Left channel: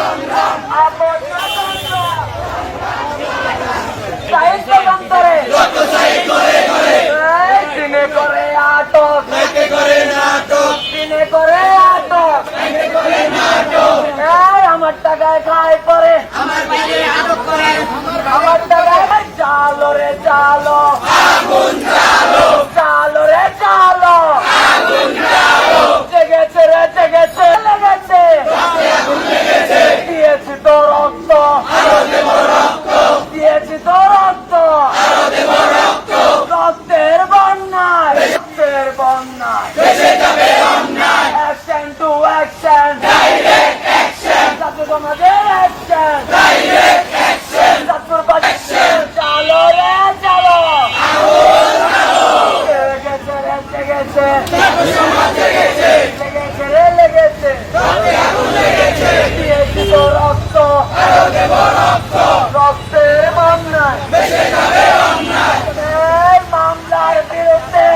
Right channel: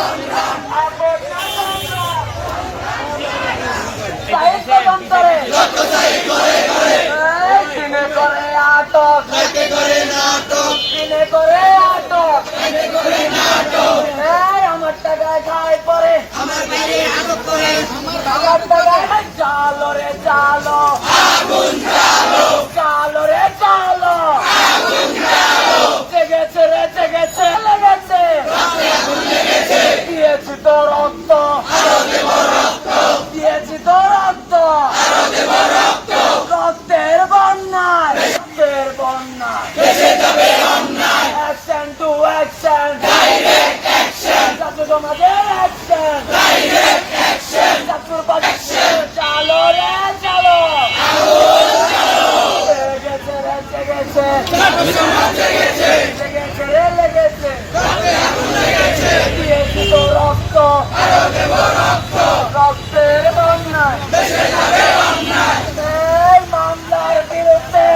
সংগ্রাম সাহিত্য মন্তরে দিনে আমার টাকায় খায় পরে আমার টাকায় জালো রে জালো। দিয়েছি তো রক্ত রক্তের বন্যায়। রক্তের বন্যায় অ্যাকশন টু অ্যাকশন ছাত্র সমাজের অ্যাকশন ছাত্র চালো রে চালো লেগেছে রে মামলার বিরুদ্ধে